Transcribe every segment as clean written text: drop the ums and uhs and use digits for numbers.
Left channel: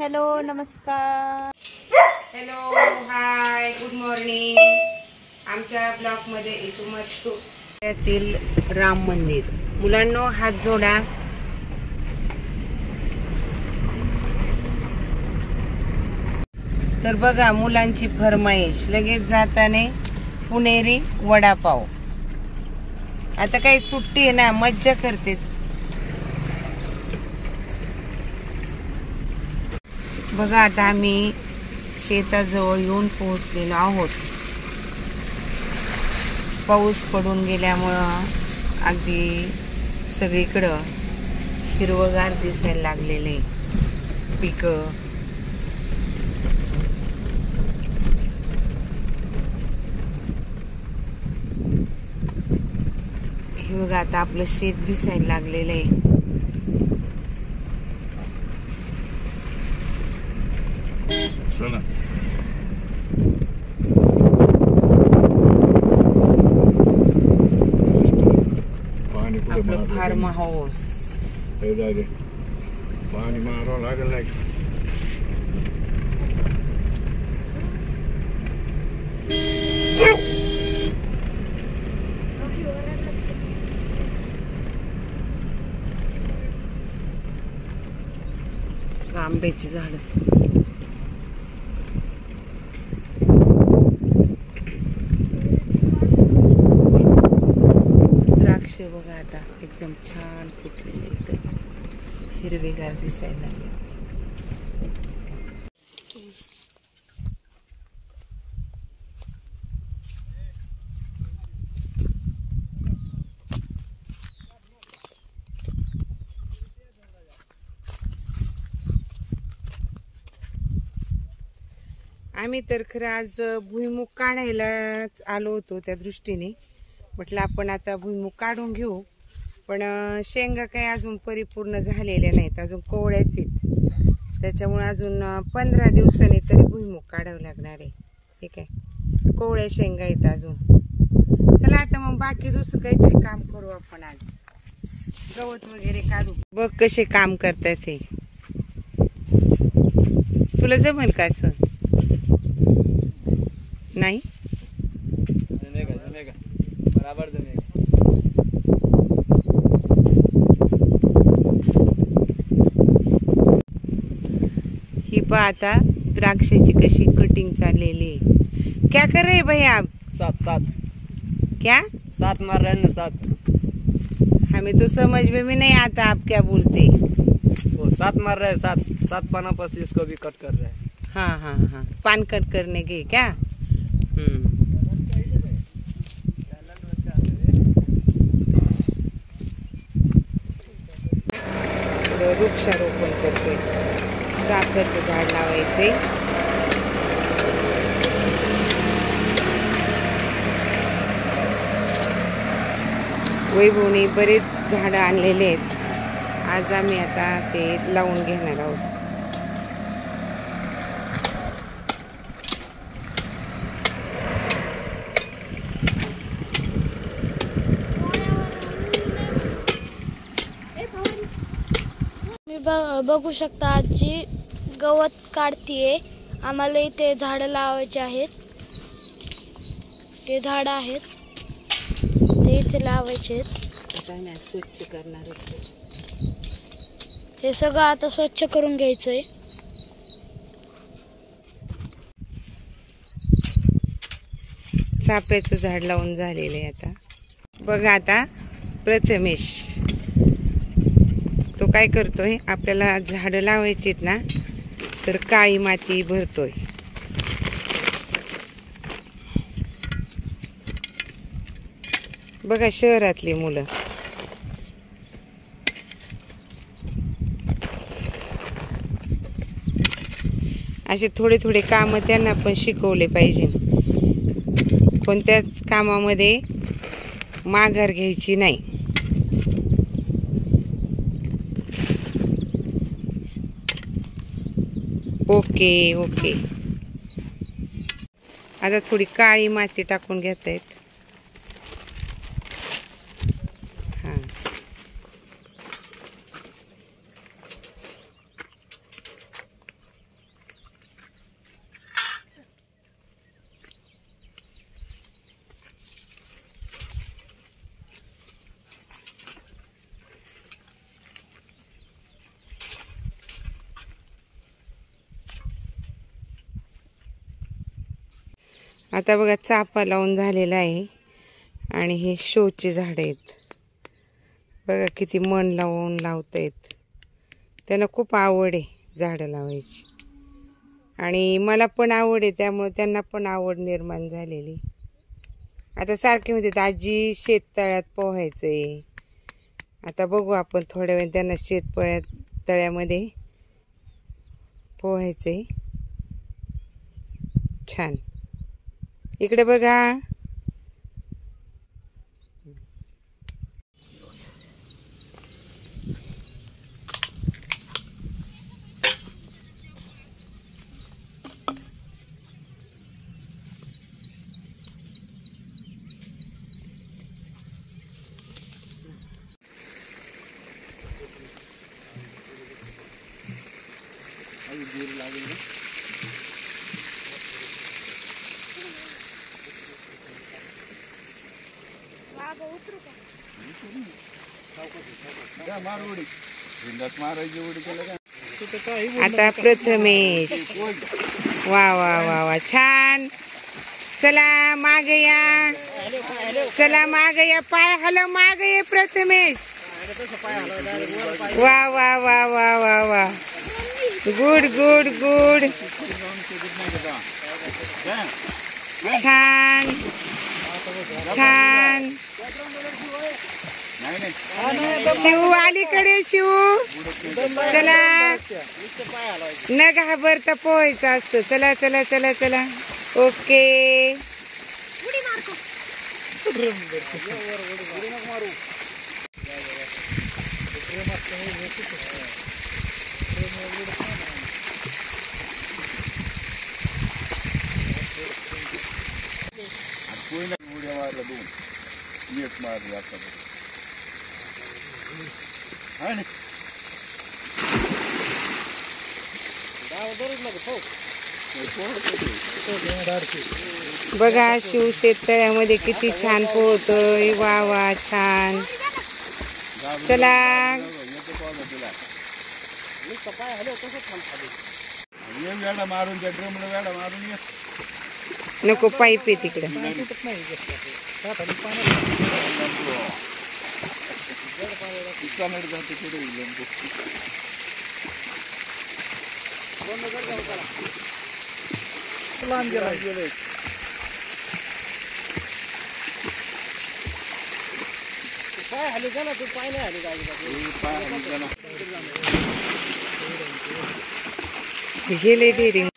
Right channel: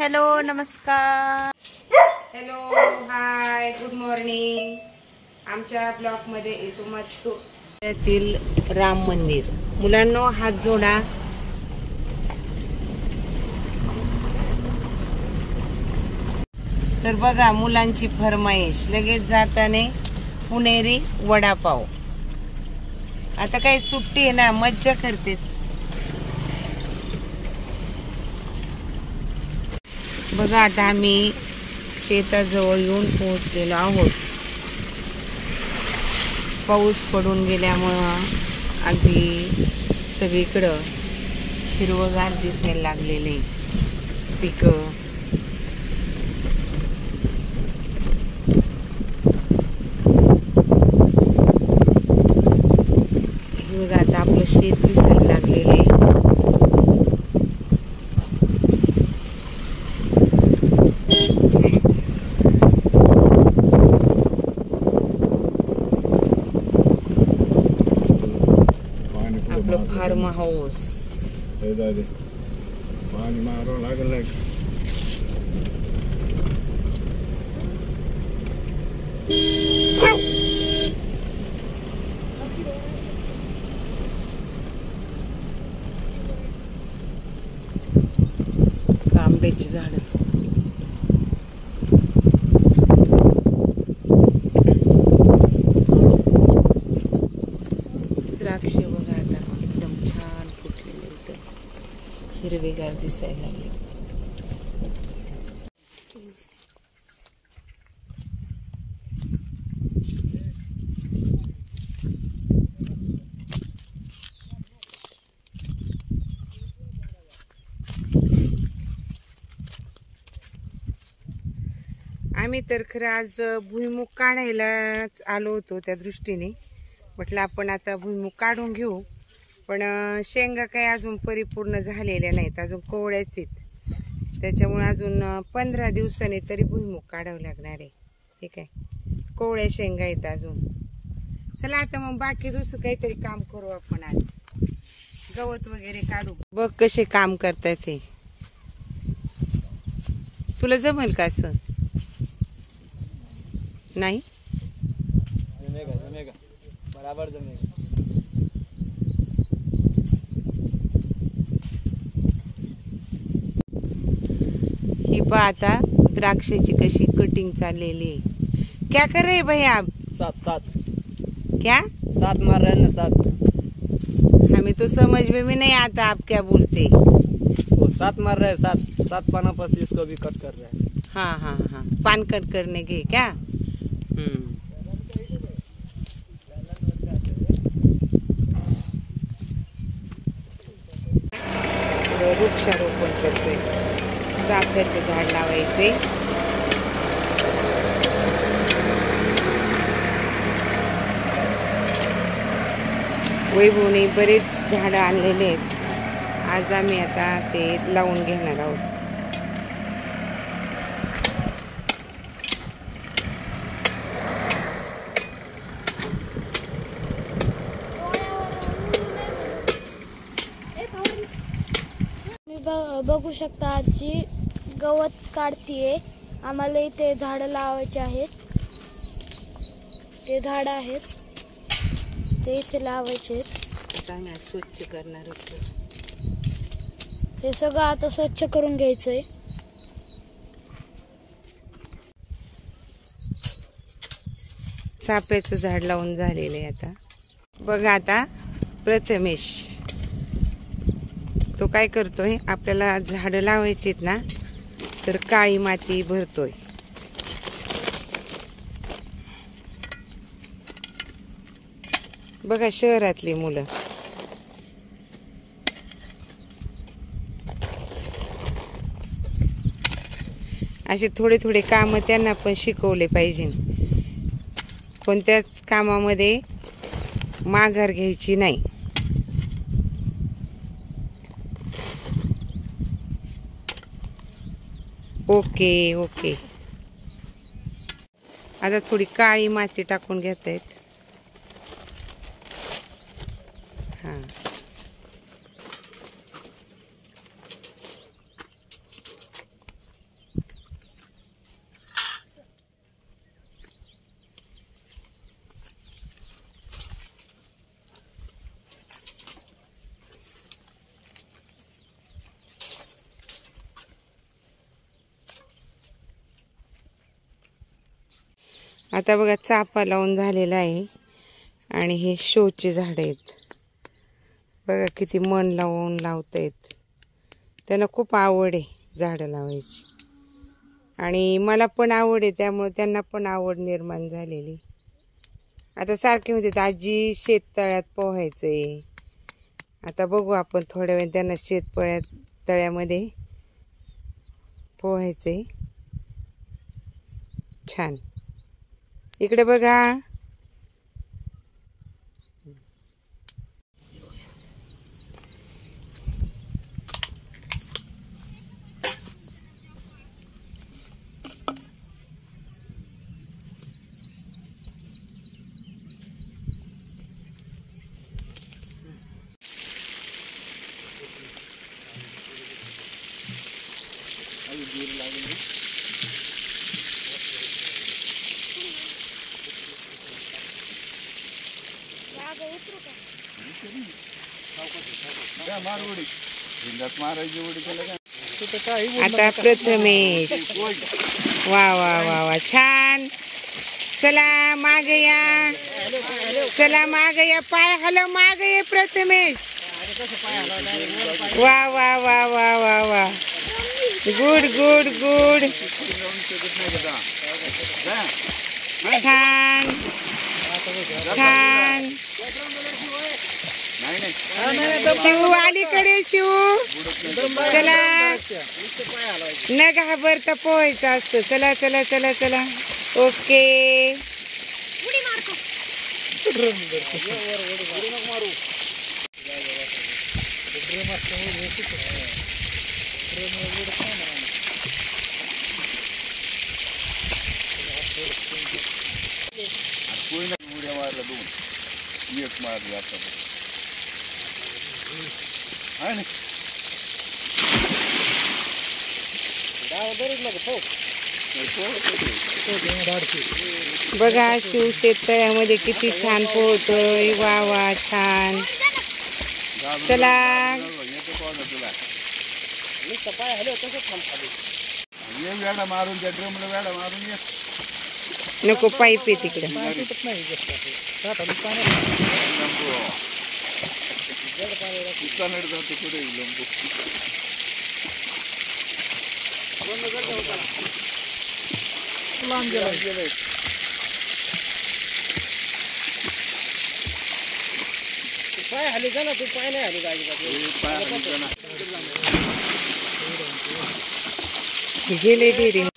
Hello नमस्कार. Hello hi good morning. आमच्या block मध्ये तुम्हाला राम मंदिर. मुलांनो हात जोडा. तर बघा मुलांची फरमाईश लगेच जाताने पुणेरी वडापाव. आता काही सुट्टी आहे ना, मज्जा करते. बघा आता आम्ही शेताजवळ येऊन पोहोचलेलो आहोत. पाऊस पडून गेल्यामुळं अगदी सगळीकडं हिरवगार दिसायला लागलेले पिकं. हे बघा आता आपलं शेत दिसायला लागलेलं आहे. आपलं फार्म हाऊस. पाणी मारावं लागलं. आंब्याची झाड. द्राक्ष बघा आता एकदम छान फुटलेले इथं हिरवेगार दिसायला लागले. आम्ही तर खरं आज भुईमुग काढायलाच आलो होतो. त्या दृष्टीने म्हटलं आपण आता भुईमुग काढून घेऊ. पण शेंगा काही अजून परिपूर्ण झालेल्या नाहीत, अजून कोवळ्याच आहेत. त्याच्यामुळे अजून 15 दिवसांनी तरी भुईमुग काढावं लागणार आहे. ठीक आहे, कोवळ्या शेंगा आहेत अजून. चला आता मग बाकी दुसरं काहीतरी काम करू आपण. आज गवत वगैरे काढू. बघ कसे काम करतात हे. तुला जमेल का असं? नाही जमेगा बराबर जमेगा. ही पहा आता द्राक्षाची कशी कटिंग चाललेली. क्या कर रहे भाई आप? सात क्या 7 मार रहे हैं ना 7. हमें तो समझ में भी नहीं आता आप क्या बोलते. वो 7 मार रहे हैं. 7 पाना पर इसको भी कट कर रहे हैं. हाँ हाँ हाँ, पान कट करने के क्या? वृक्षारोपण करतोय. चाफ्याचं झाड लावायचे. वैभवने बरेच झाडं आणलेले आहेत. आज आम्ही आता ते लावून घेणार आहोत. बघू शकता आजी गवत काढतीये. आम्हाला इथे झाडं लावायचे आहेत. ते झाडं आहेत ते इथे लावायचे आहेत. आता आम्ही स्वच्छ करणार आहोत. हे सगळं आता स्वच्छ करून घ्यायचंय. चाफ्याचं झाड लावून झालेलं आहे. आता बघा आता प्रथमेश तो काय करतोय, आपल्याला झाडं लावायची ना तर काळी माती भरतोय. बघा शहरातली मुलं असे थोडे थोडे काम त्यांना पण शिकवले पाहिजे. कोणत्याच कामामध्ये माघार घ्यायची नाही. Okay okay. आता थोडी काळी माती टाकून घेतायत. हां आता बघा चाफा लावून झालेला आहे आणि हे शोचे झाड आहेत बघा, किती मन लावून लावतायत. त्यांना खूप आवड आहे झाडं लावायची आणि मला पण आवड आहे, त्यामुळे त्यांना पण आवड निर्माण झालेली. आता सारखे म्हणतात आजी शेततळ्यात पोहायचंय. आता बघू आपण थोड्या वेळ त्यांना तळ्यामध्ये पोहायचंय. छान. इकडे बघा. आता प्रथमेश. वा वा वा वा छान. चला माग या, चला माग या, पाय हलव माग ये प्रथमेश. वा वा वा वा वा वा. Good good good. छान छान. शिव अलीकडे शिव. चला न घाबरता पोहायचं असतं. चला चला चला चला. ओके. बघा शिव शेततळ्यामध्ये किती छान पोहतोय. वा वा छान. चला नको, पाईप आहे तिकडे. गेले डेरी.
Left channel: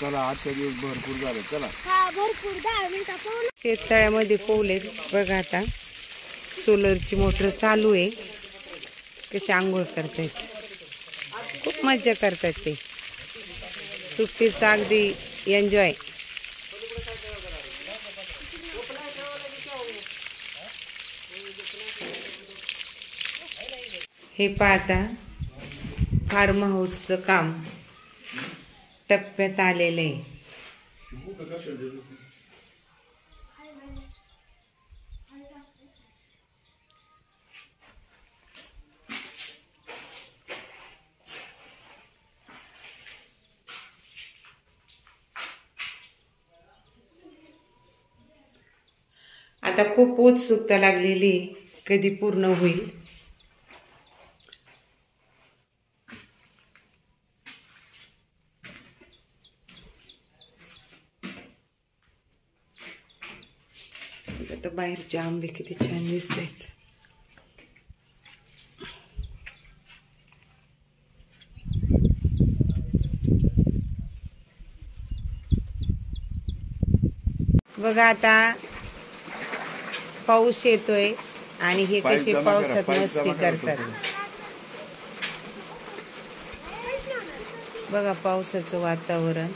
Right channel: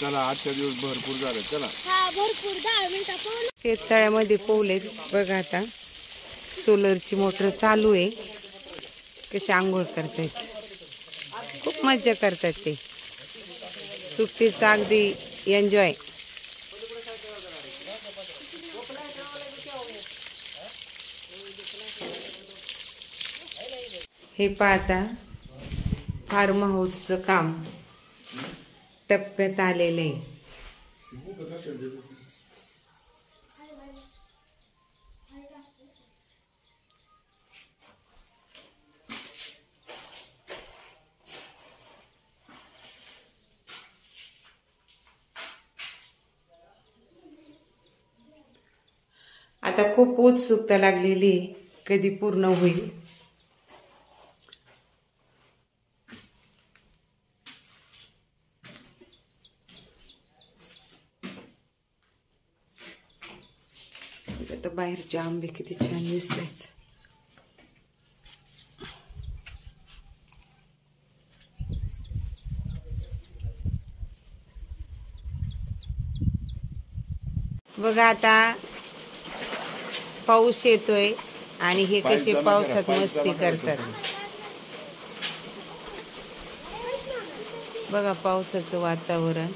चला आजच्या दिवस भरपूर झाले. चला शेततळ्यामध्ये पोहले बघा. आता सोलरची मोटर चालू आहे. कशी आंघोळ करतायत, खूप मज्जा करतात ते. सुट्टीचा अगदी एन्जॉय. हे पाहता फार्म हाऊसचं काम टप्प्यात आलेलं आहे. आता खूप उत्सुकता लागलेली आहे, कधी पूर्ण होईल. आता बाहेरचे आंबे किती छान दिसत आहेत. बघा आता पाऊस येतोय आणि हे कसे पावसात मस्ती करतात. बघा पावसाचं वातावरण.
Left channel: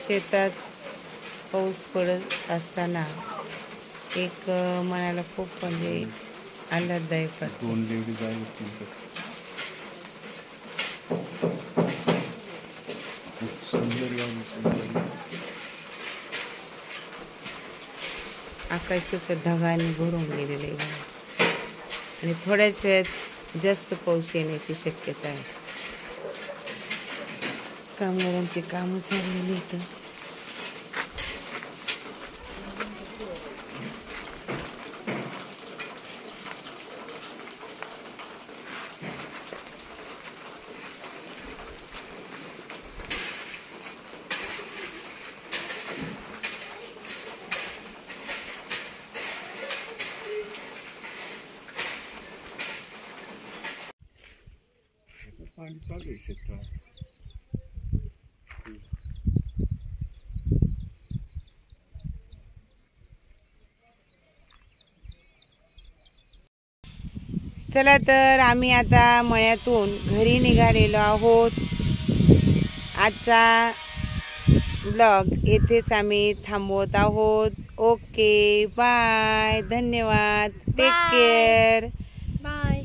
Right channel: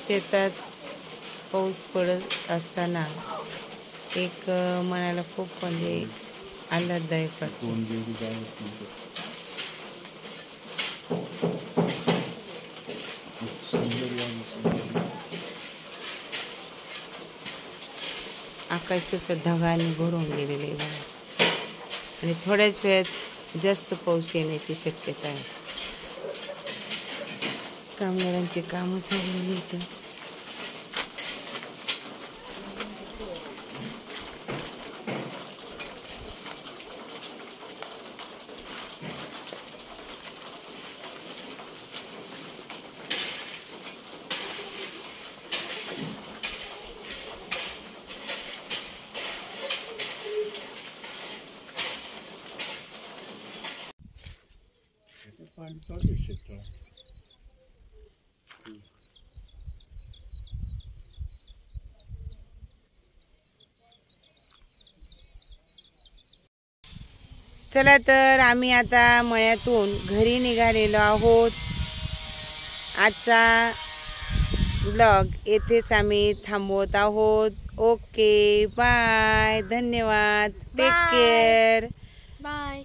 शेतात पाऊस पडत असताना एक मनाला खूप म्हणजे आल्हाददायक वाटतं. आकाश कसं ढगाने भरून गेलेलं आहे. आणि थोड्याच वेळात जास्त पाऊस येण्याची शक्यता आहे. कामगारांची कामं चाललेली इथं. पाणी चालू आहे शेतात. चला तर आम्ही आता मळ्यातून घरी निघालेलो आहोत. आजचा ब्लॉग येथेच आम्ही थांबवत आहोत. ओके बाय, धन्यवाद, टेक केअर. बाय.